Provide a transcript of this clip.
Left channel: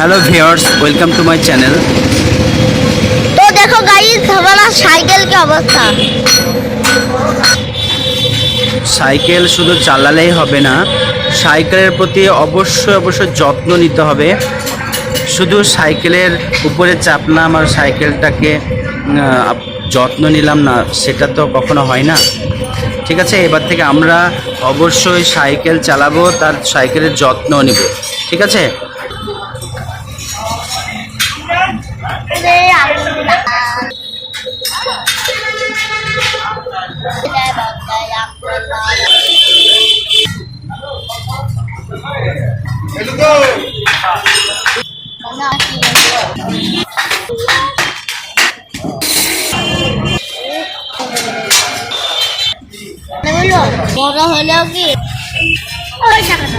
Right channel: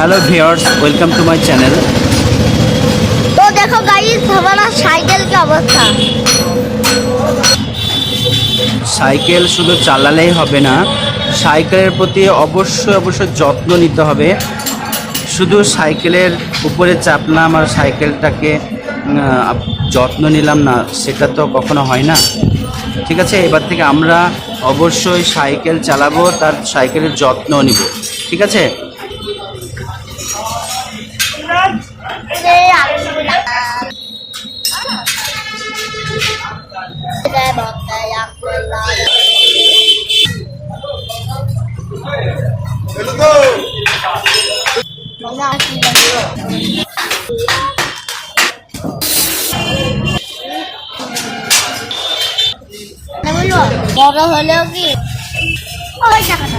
Hello viewers welcome to my channel. तो देखो guys हमारा साइकिल की अवस्था। সাইকেল শুধু চালালেই হবে না, সাইকেলের প্রতি অবশ্যই যত্ন নিতে হবে। শুধু সাইকেলের উপরে চাপলাম আর সাইকেলটাকে যত্ন নিলাম না, সেটা তো কখনো হয় না। ঠিক আছে, এবার থেকে আমরা অবশ্যই সাইকেল চালাবো, তার সাইকেলের যত্ন নিব। ঠিক আছে। বড় হলো কি ওই টাকাটা